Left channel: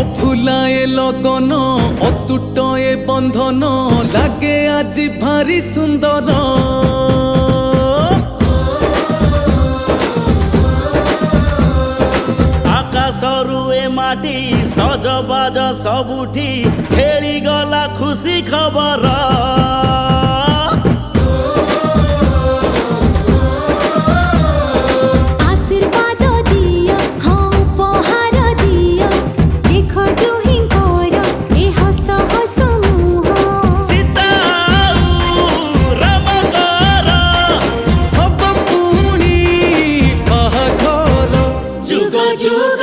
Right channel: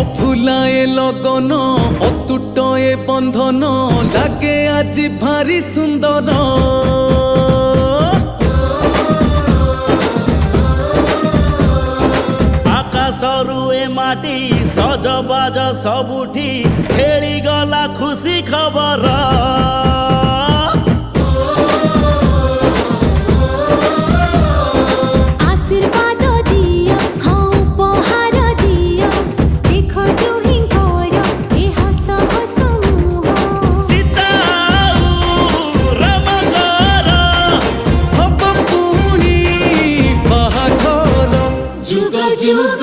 অফুলায়ে লগন অতুটয়ে বন্ধন লাগে আজি ভারি সুন্দর। আকাশরু এ মাটি সজবাজ সবুঠি খেলি গলা খুশি খবর। आशीर्वाद दिया हाँ उपहार दिया देख दुहिंकर ए हस हस मुह। सीता रामकर হব পুনি বাহাঘর। जुग जुग